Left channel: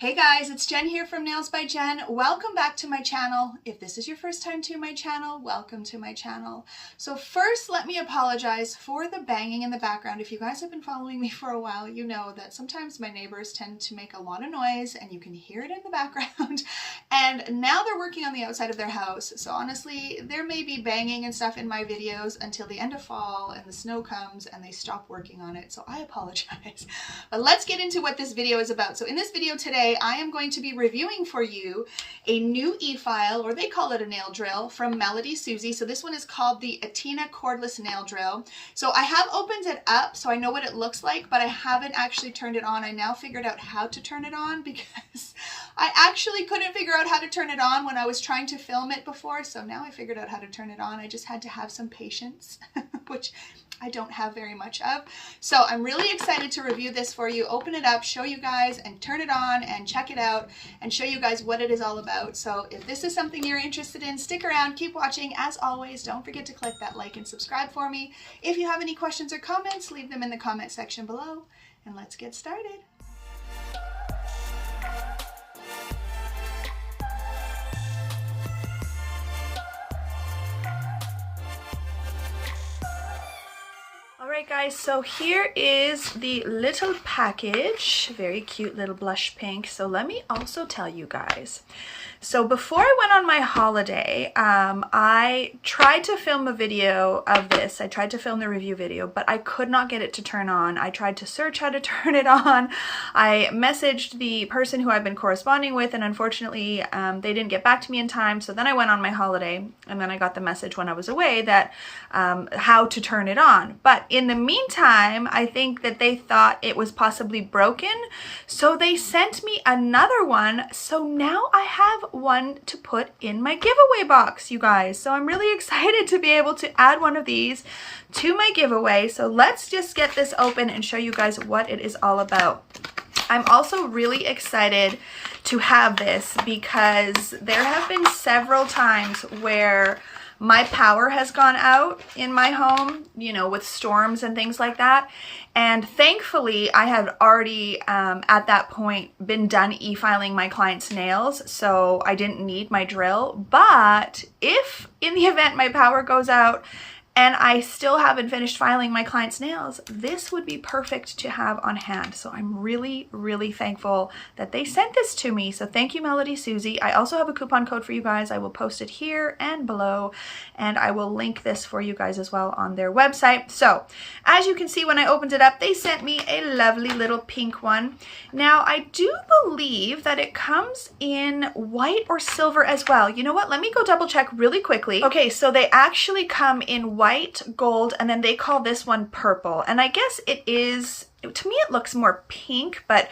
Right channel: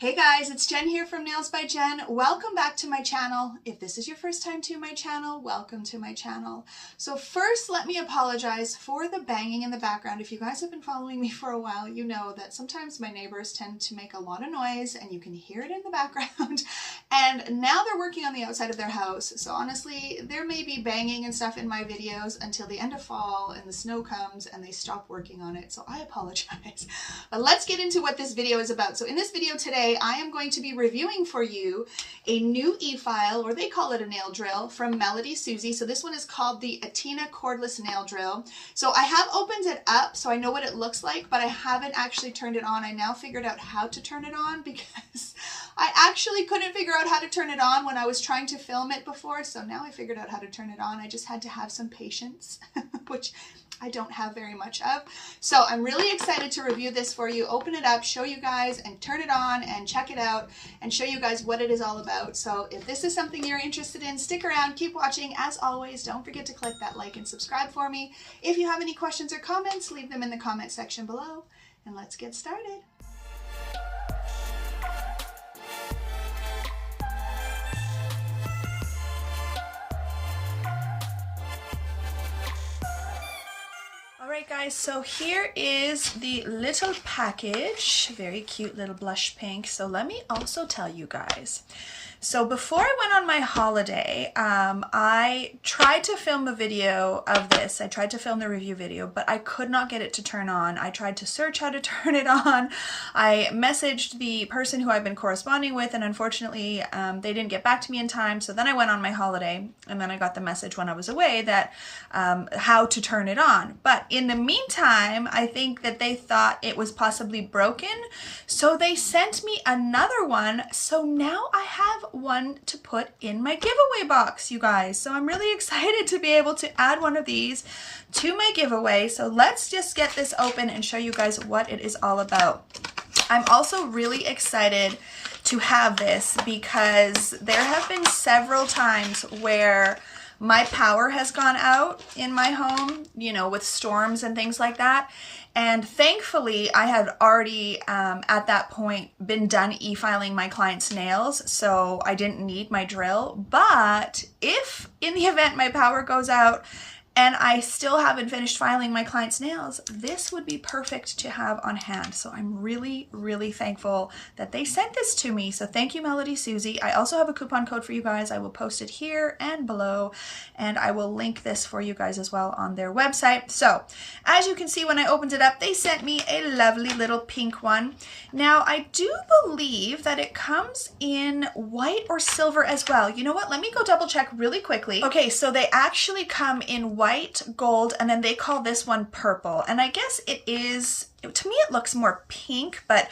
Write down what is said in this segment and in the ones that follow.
Hey guys, it's Jen here from Nails by Jen. Welcome back to my channel. If this is your first time to my channel, welcome to my channel. So first, let me apologize for the banging in the background. If you guys have been following me for a while, you know that sometimes my neighbors tend to make a lot of noise and you can hear it in the background. And now they're working on the outside of their house. So honestly, there may be banging and stuff in my videos until the end of fall and the snow comes and they stop working on it. So I apologize. But let's get into what this video is about. So in this video today, I am going to be reviewing for you a new e-file, or they call it a nail drill, from MELODYSUSIE. So this one is called the Atena Cordless Nail Drill. So I have opened it up so I know what it looks like, but I haven't actually turned it on. I now figured out how to turn it on because I actually couldn't figure out how to turn it on when I was trying to film it before. So now I figured out how to turn it on. I just had to have some patience, which I don't have very much of. So I'm really excited to review this for you, open it up, show you guys, and turn it on and check it out and show you guys what it is all about. So if this is something you're interested in, stick around, keep watching. As always, don't forget to click that like and subscribe for me. If you have any questions or comments, leave them in the comment section below, and let's get started. Alright guys, so here is the little package, very cute little blush pink. So let me also tell you guys, so before I went on my holiday, I tried to film a video of this. I tried to film the review video, but I could not get it to turn on. I tried to search how to turn it on. I messaged the person who I've been corresponding with, and unfortunately they didn't get back to me in time. So then I went on my holiday, and then I got the message when I was away that how to turn it on. But in the meantime, I think that they thought it was possibly broken, so they sent me another one. So now I have one to put in my giveaway box, you guys. So I'm really excited to be able to add one of these to my giveaway. So let's just get this open and show you guys what it is all about. I'm also really excited to have this because there have been several times where my power has gone out in my home, you know, with storms and things like that. And thankfully, I had already, at that point, been done e-filing my clients' nails, so I didn't need my drill. But if, in the event my power goes out, and I still haven't finished filing my client's nails, this would be perfect to have on hand. So I'm really, really thankful that they sent this to me. So thank you, MELODYSUSIE. I also have a coupon code for you guys. I will post it here and below, and I will link this for you guys as well on their website. So as you can see, when I opened it up, they sent me a lovely little pink one. Now, I do believe that it comes in white or silver as well. You know what? Let me go double check really quickly. Okay, so they actually come in white, gold, and then they call this one purple. And I guess it is, to me it looks more pink, but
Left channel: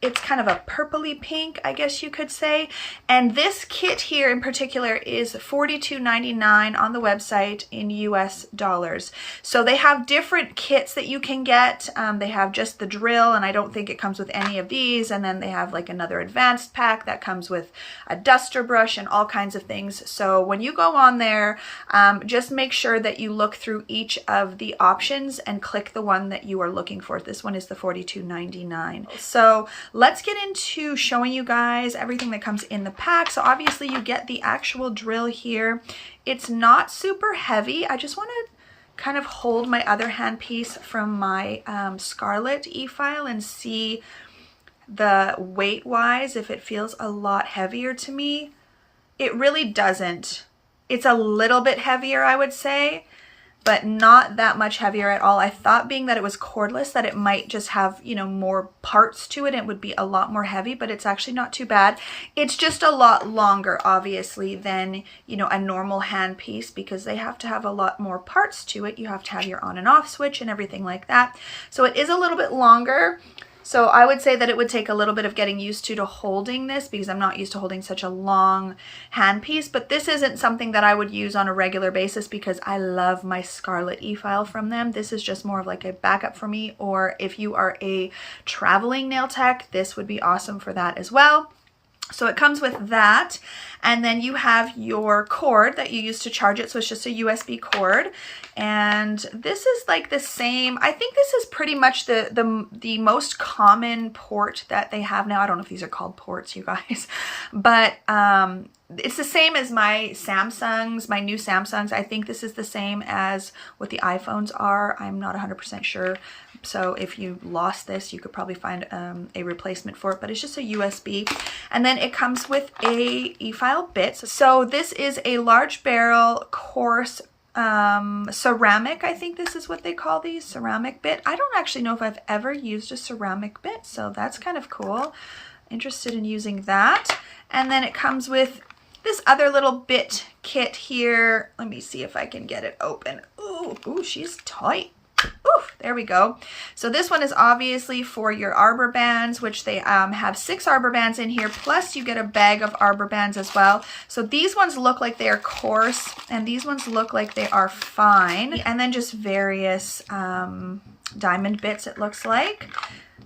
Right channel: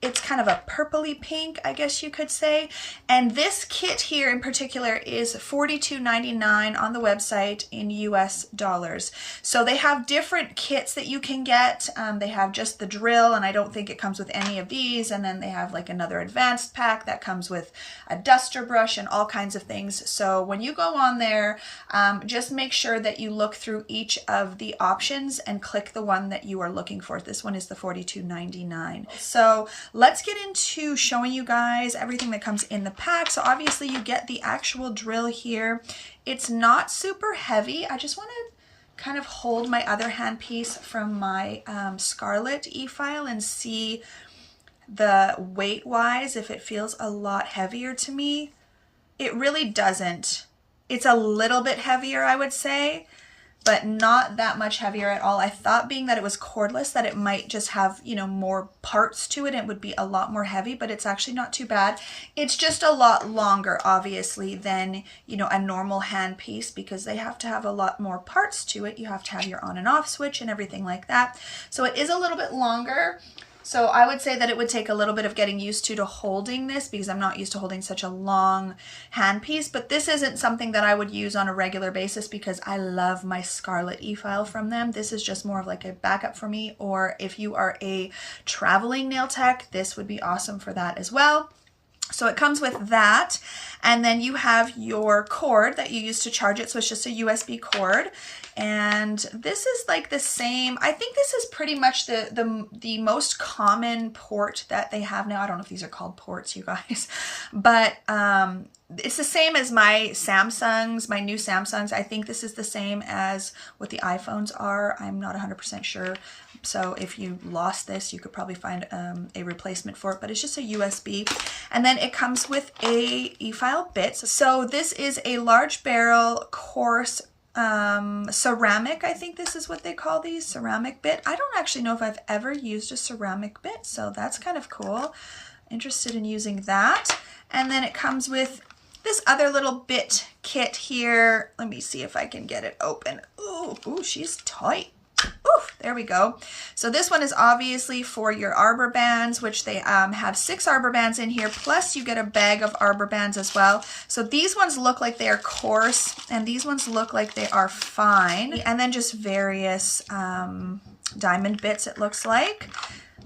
it's kind of a purpley pink, I guess you could say. And this kit here in particular is $42.99 on the website in US dollars. So they have different kits that you can get. They have just the drill, and I don't think it comes with any of these. And then they have like another advanced pack that comes with a duster brush and all kinds of things. So when you go on there, just make sure that you look through each of the options and click the one that you are looking for. This one is the $42.99. So let's get into showing you guys everything that comes in the pack. So obviously you get the actual drill here. It's not super heavy. I just want to kind of hold my other handpiece from my Scarlet e-file and see the weight-wise if it feels a lot heavier to me. It really doesn't. It's a little bit heavier, I would say, but not that much heavier at all. I thought, being that it was cordless, that it might just have, you know, more parts to it and it would be a lot more heavy, but it's actually not too bad. It's just a lot longer, obviously, than, you know, a normal hand piece, because they have to have a lot more parts to it. You have to have your on and off switch and everything like that. So it is a little bit longer. So I would say that it would take a little bit of getting used to holding this, because I'm not used to holding such a long handpiece. But this isn't something that I would use on a regular basis because I love my Scarlet e-file from them. This is just more of like a backup for me, or if you are a traveling nail tech, this would be awesome for that as well. So it comes with that, and then you have your cord that you use to charge it. So it's just a USB cord, and this is like the same. I think this is pretty much the most common port that they have now. I don't know if these are called ports, you guys, but it's the same as my Samsungs, my new Samsungs. I think this is the same as what the iPhones are. I'm not 100% sure. So if you lost this, you could probably find a replacement for it, but it's just a USB. And then it comes with a efile bit. So this is a large barrel coarse ceramic. I think this is what they call these, ceramic bit. I don't actually know if I've ever used a ceramic bit, so that's kind of cool. Interested in using that. And then it comes with this other little bit kit here. Let me see if I can get it open. Ooh, she's tight. Ooh, there we go. So this one is obviously for your arbor bands, which they have 6 arbor bands in here, plus you get a bag of arbor bands as well. So these ones look like they are coarse, and these ones look like they are fine. And then just various diamond bits, it looks like.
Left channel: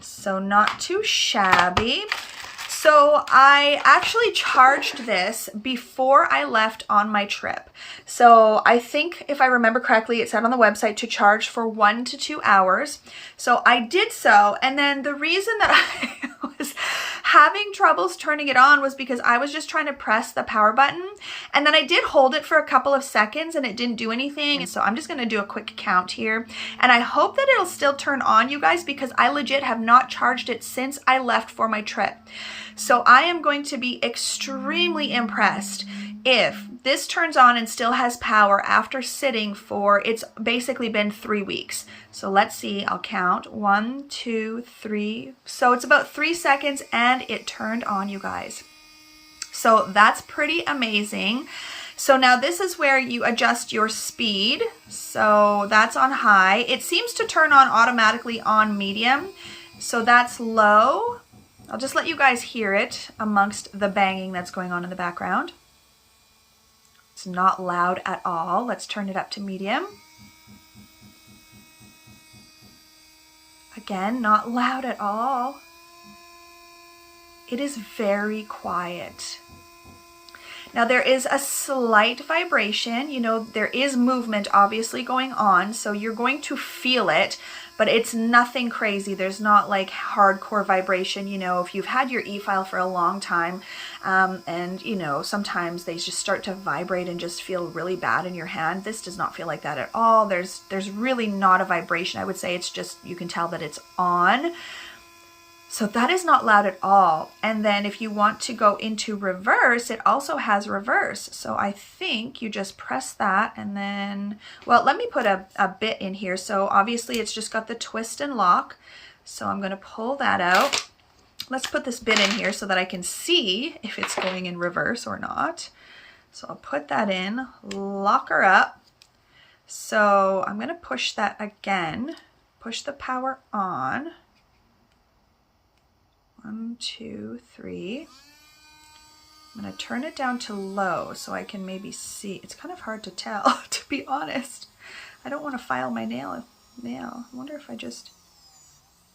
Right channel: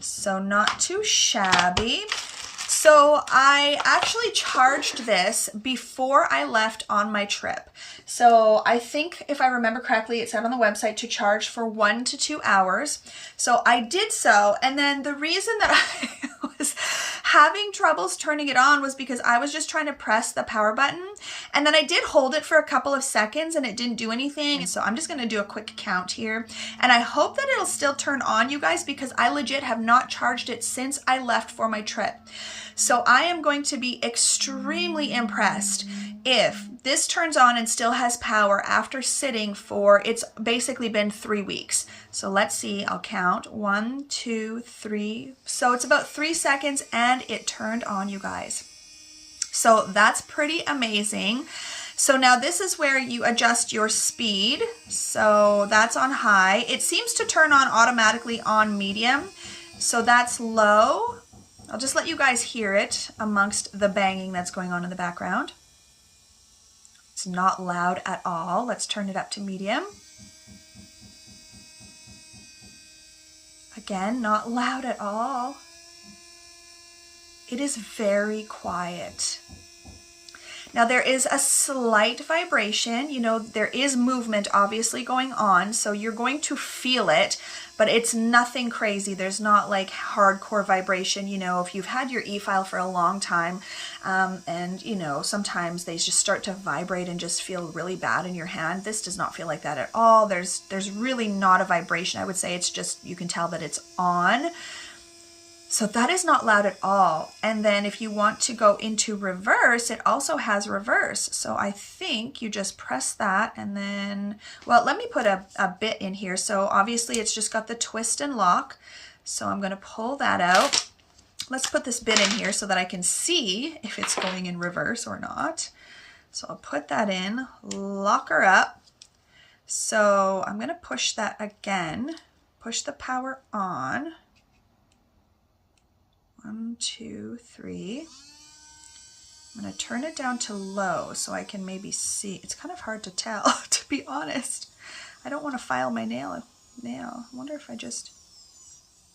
So not too shabby. So I actually charged this before I left on my trip. So I think if I remember correctly, it said on the website to charge for 1 to 2 hours. So I did so. And then the reason that I was having troubles turning it on was because I was just trying to press the power button. And then I did hold it for a couple of seconds and it didn't do anything. So I'm just going to do a quick count here. And I hope that it'll still turn on, you guys, because I legit have not charged it since I left for my trip. So I am going to be extremely impressed if this turns on and still has power after sitting for, it's basically been 3 weeks. So let's see, I'll count 1, 2, 3. So it's about 3 seconds and it turned on, you guys. So that's pretty amazing. So now this is where you adjust your speed. So that's on high. It seems to turn on automatically on medium. So that's low. I'll just let you guys hear it amongst the banging that's going on in the background. It's not loud at all. Let's turn it up to medium. Again, not loud at all. It is very quiet. Now there is a slight vibration, you know, there is movement obviously going on, so you're going to feel it, but it's nothing crazy. There's not like hardcore vibration, you know, if you've had your e-file for a long time, and you know, sometimes they just start to vibrate and just feel really bad in your hand. This does not feel like that at all. There's really not a vibration. I would say it's just, you can tell that it's on. So that is not loud at all. And then if you want to go into reverse, it also has reverse. So I think you just press that and then, well, let me put a bit in here. So obviously it's just got the twist and lock. So I'm gonna pull that out. Let's put this bit in here so that I can see if it's going in reverse or not. So I'll put that in, lock her up. So I'm gonna push that again, push the power on. 1, 2, 3. I'm going to turn it down to low so I can maybe see. It's kind of hard to tell, to be honest. I don't want to file my nail. I wonder if I just...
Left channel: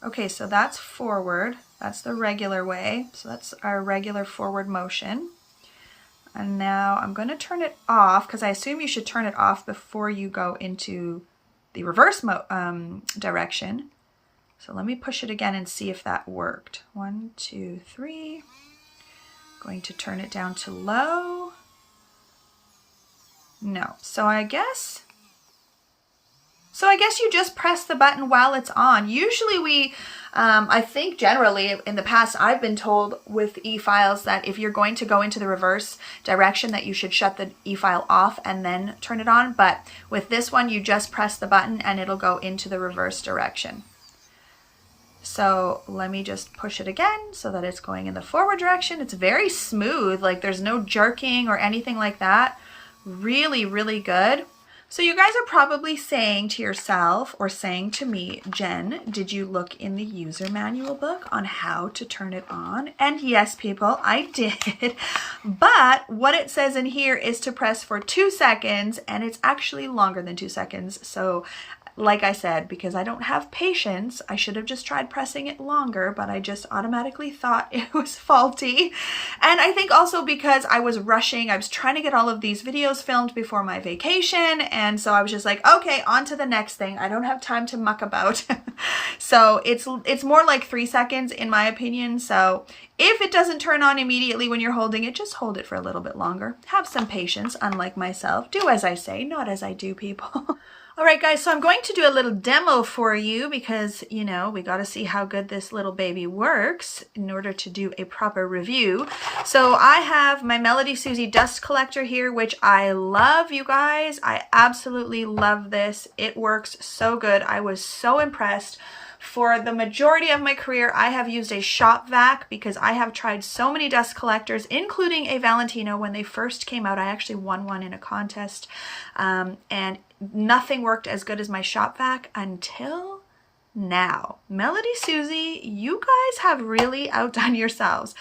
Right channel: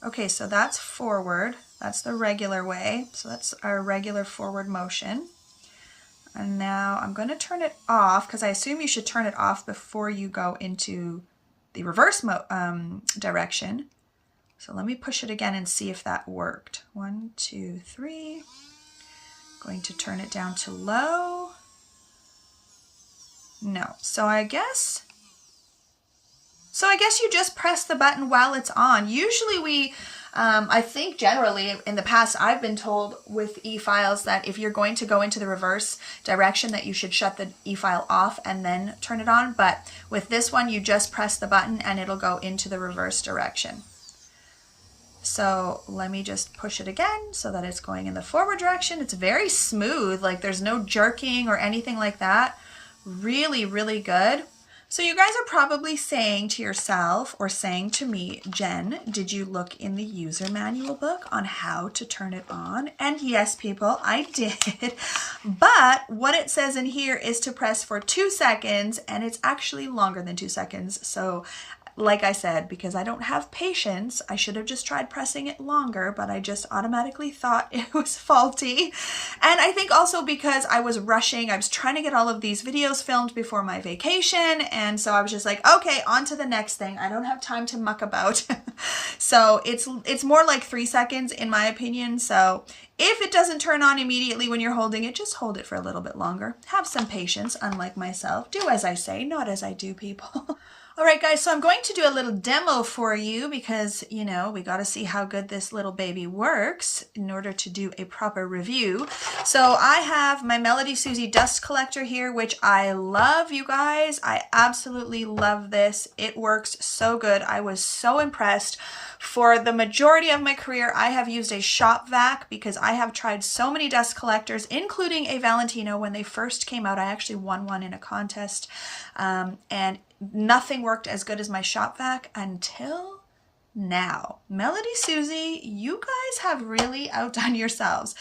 Okay, so that's forward. That's the regular way. So that's our regular forward motion. And now I'm going to turn it off because I assume you should turn it off before you go into the reverse direction. So let me push it again and see if that worked. 1, 2, 3. Going to turn it down to low. No. So I guess you just press the button while it's on. Usually we, I think generally in the past I've been told with e-files that if you're going to go into the reverse direction that you should shut the e-file off and then turn it on. But with this one, you just press the button and it'll go into the reverse direction. So let me just push it again so that it's going in the forward direction. It's very smooth, like there's no jerking or anything like that. Really, really good. So you guys are probably saying to yourself or saying to me, Jen, did you look in the user manual book on how to turn it on? And yes, people, I did. But what it says in here is to press for 2 seconds, and it's actually longer than 2 seconds. So like I said, because I don't have patience, I should have just tried pressing it longer, but I just automatically thought it was faulty. And I think also because I was rushing, I was trying to get all of these videos filmed before my vacation, and so I was just like, okay, on to the next thing. I don't have time to muck about. So it's more like 3 seconds in my opinion. So if it doesn't turn on immediately when you're holding it, just hold it for a little bit longer. Have some patience, unlike myself. Do as I say, not as I do, people. All right, guys, so I'm going to do a little demo for you because, you know, we got to see how good this little baby works in order to do a proper review. So I have my MELODYSUSIE dust collector here, which I love, you guys. I absolutely love this. It works so good. I was so impressed. For the majority of my career, I have used a shop vac because I have tried so many dust collectors, including a Valentino. When they first came out, I actually won one in a contest, and nothing worked as good as my shop vac until now. MELODYSUSIE, you guys have really outdone yourselves.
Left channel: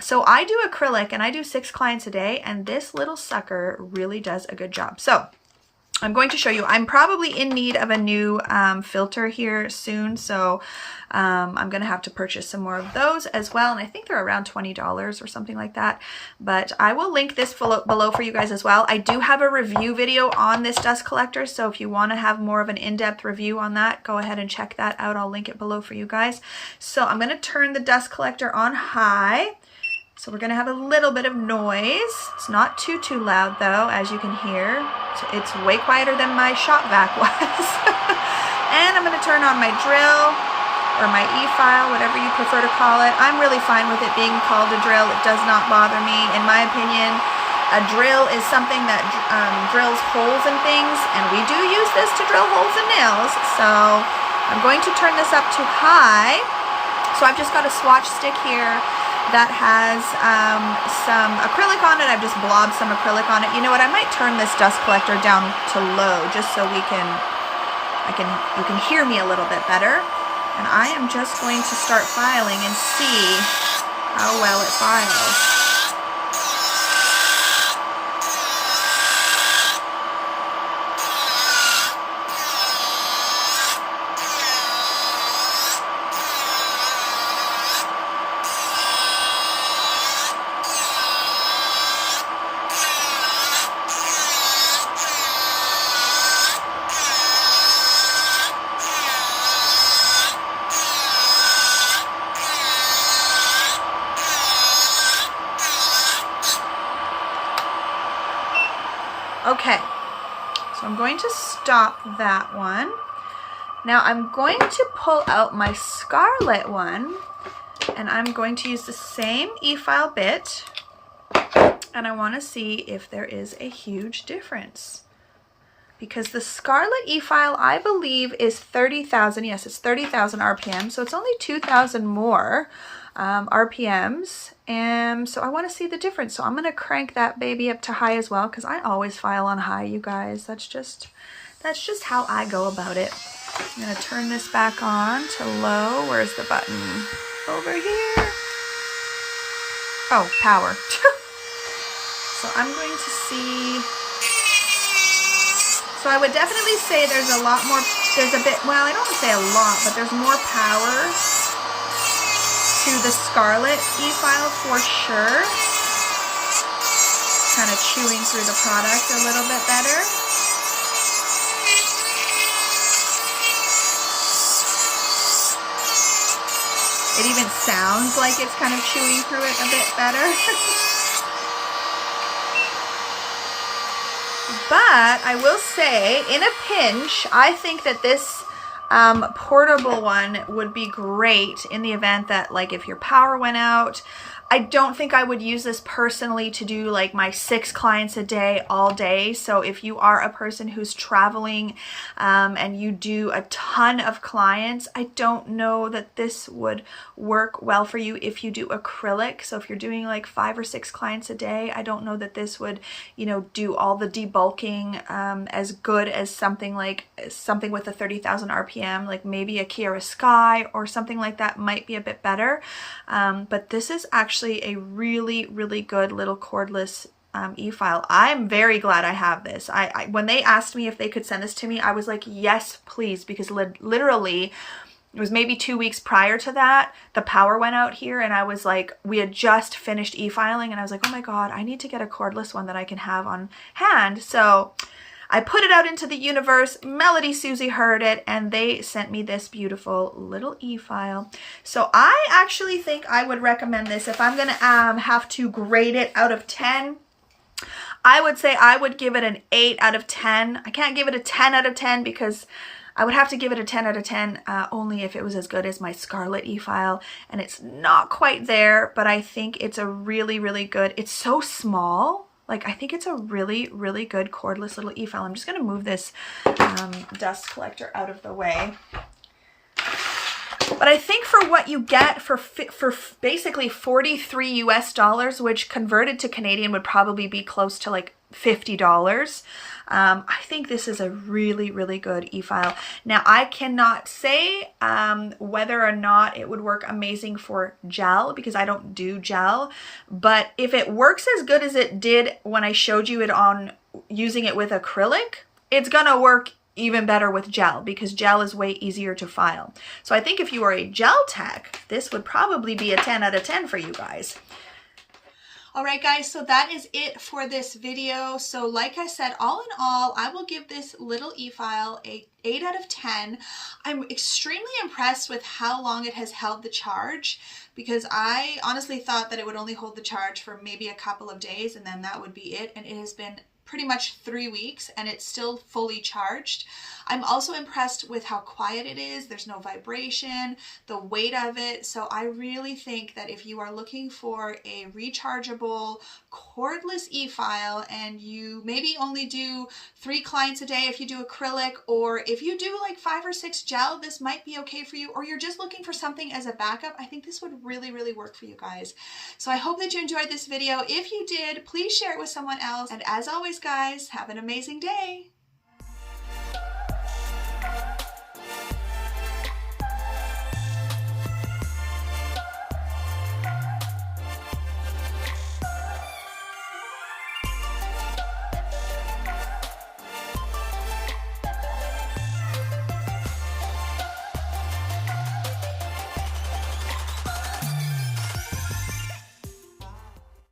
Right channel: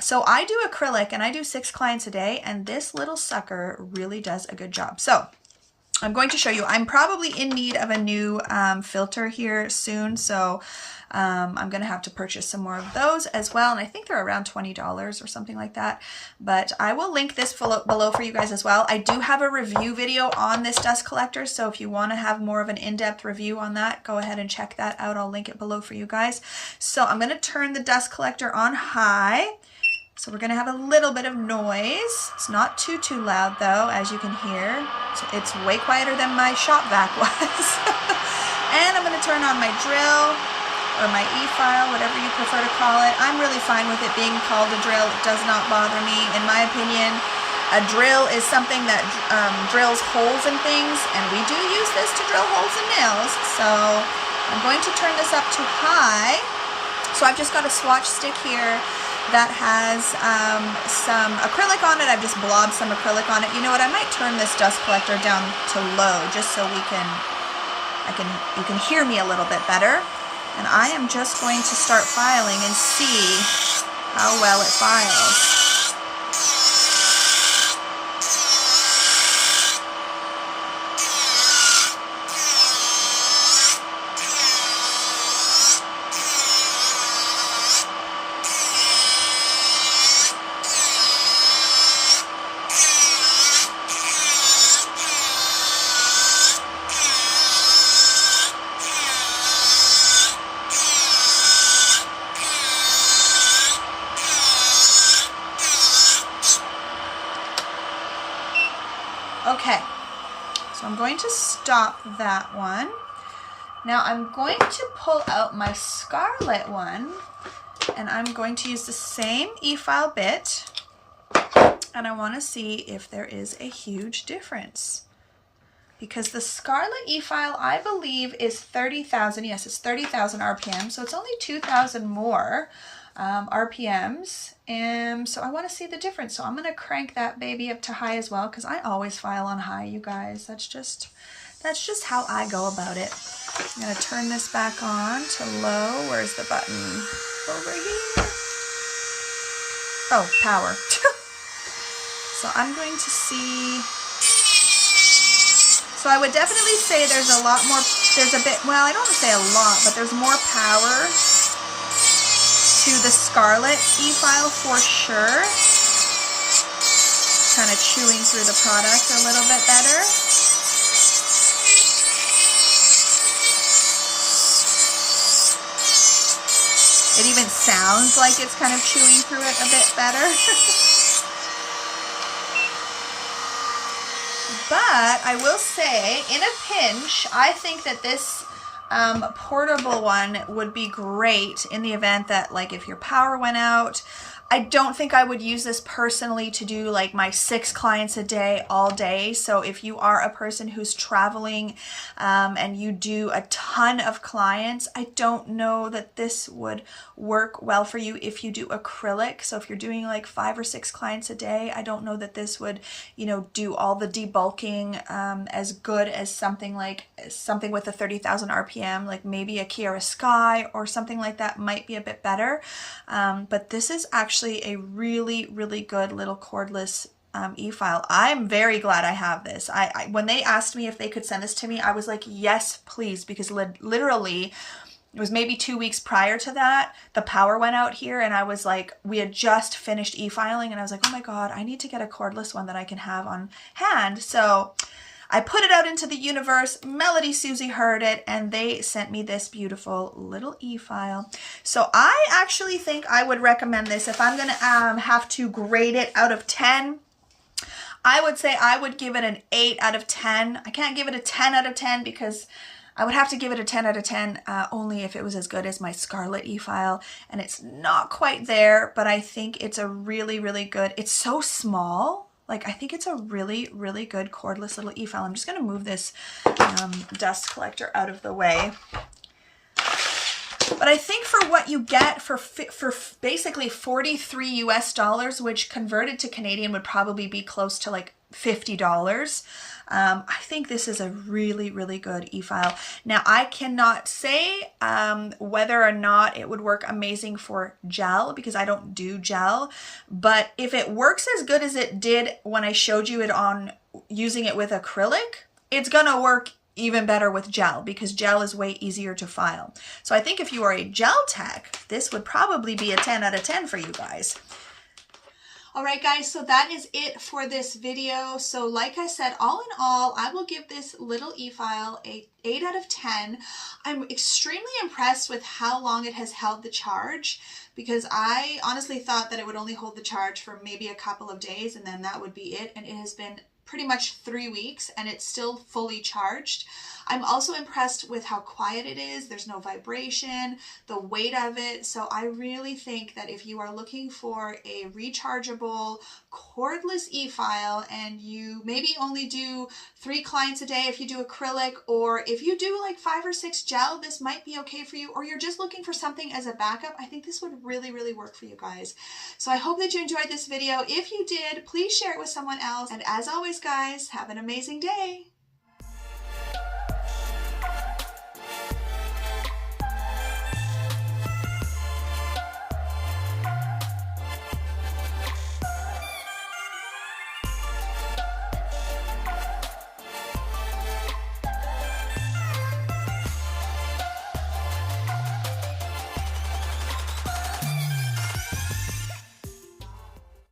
So I do acrylic and I do 6 clients a day, and this little sucker really does a good job. So I'm going to show you. I'm probably in need of a new filter here soon, so I'm going to have to purchase some more of those as well, and I think they're around $20 or something like that, but I will link this below for you guys as well. I do have a review video on this dust collector, so if you want to have more of an in-depth review on that, go ahead and check that out. I'll link it below for you guys. So I'm going to turn the dust collector on high. So we're going to have a little bit of noise. It's not too loud though, as you can hear. So it's way quieter than my shop vac was. And I'm going to turn on my drill or my efile, whatever you prefer to call it. I'm really fine with it being called a drill. It does not bother me. In my opinion, a drill is something that drills holes in things, and we do use this to drill holes in nails. So I'm going to turn this up to high. So I've just got a swatch stick here that has some acrylic on it. I've just blobbed some acrylic on it. You know what? I might turn this dust collector down to low just so you can hear me a little bit better. And I am just going to start filing and see how well it files. Okay, so I'm going to stop that one. Now I'm going to pull out my Scarlet one, and I'm going to use the same e-file bit, and I want to see if there is a huge difference. Because the Scarlet e-file, I believe, is 30,000. Yes, it's 30,000 RPM, so it's only 2,000 more RPMs, and so I want to see the difference. So I'm going to crank that baby up to high as well, because I always file on high, you guys. That's just how I go about it. I'm going to turn this back on to low. Where's the button? Over here. Oh, power. So I'm going to see. So I would definitely say there's a lot more, there's a bit, well, I don't want to say a lot, but there's more power to the Scarlet e-file for sure. Kind of chewing through the product a little bit better. It even sounds like it's kind of chewing through it a bit better. But I will say, in a pinch, I think that this portable one would be great in the event that, like, if your power went out. I don't think I would use this personally to do like my 6 clients a day all day. So if you are a person who's traveling and you do a ton of clients, I don't know that this would work well for you if you do acrylic. So if you're doing like 5 or 6 clients a day, I don't know that this would, you know, do all the debulking as good as something with a 30,000 RPM, like maybe a Kiara Sky or something like that might be a bit better. But this is actually a really, really good little cordless e-file. I'm very glad I have this. When they asked me if they could send this to me, I was like, yes, please, because literally it was maybe 2 weeks prior to that, the power went out here, and I was like, we had just finished e-filing, and I was like, oh my God, I need to get a cordless one that I can have on hand. So I put it out into the universe. MELODYSUSIE heard it, and they sent me this beautiful little e-file. So I actually think I would recommend this. If I'm gonna have to grade it out of 10, I would say I would give it an 8 out of 10. I can't give it a 10 out of 10 because I would have to give it a 10 out of 10 only if it was as good as my Scarlet e-file, and it's not quite there, but I think it's a really, really good, it's so small. Like, I think it's a really, really good cordless little e-file. I'm just going to move this dust collector out of the way. But I think for what you get for basically $43 US, which converted to Canadian would probably be close to like $50. I think this is a really, really good e-file. Now, I cannot say whether or not it would work amazing for gel because I don't do gel, but if it works as good as it did when I showed you it on using it with acrylic, it's gonna work even better with gel because gel is way easier to file. So I think if you are a gel tech, this would probably be a 10 out of 10 for you guys. All right, guys, so that is it for this video. So like I said, all in all, I will give this little e-file a 8 out of 10. I'm extremely impressed with how long it has held the charge because I honestly thought that it would only hold the charge for maybe a couple of days and then that would be it. And it has been pretty much 3 weeks and it's still fully charged. I'm also impressed with how quiet it is. There's no vibration, the weight of it. So I really think that if you are looking for a rechargeable cordless e-file and you maybe only do 3 clients a day if you do acrylic, or if you do like 5 or 6 gel, this might be okay for you, or you're just looking for something as a backup, I think this would really, really work for you guys. So I hope that you enjoyed this video. If you did, please share it with someone else. And as always, guys, have an amazing day.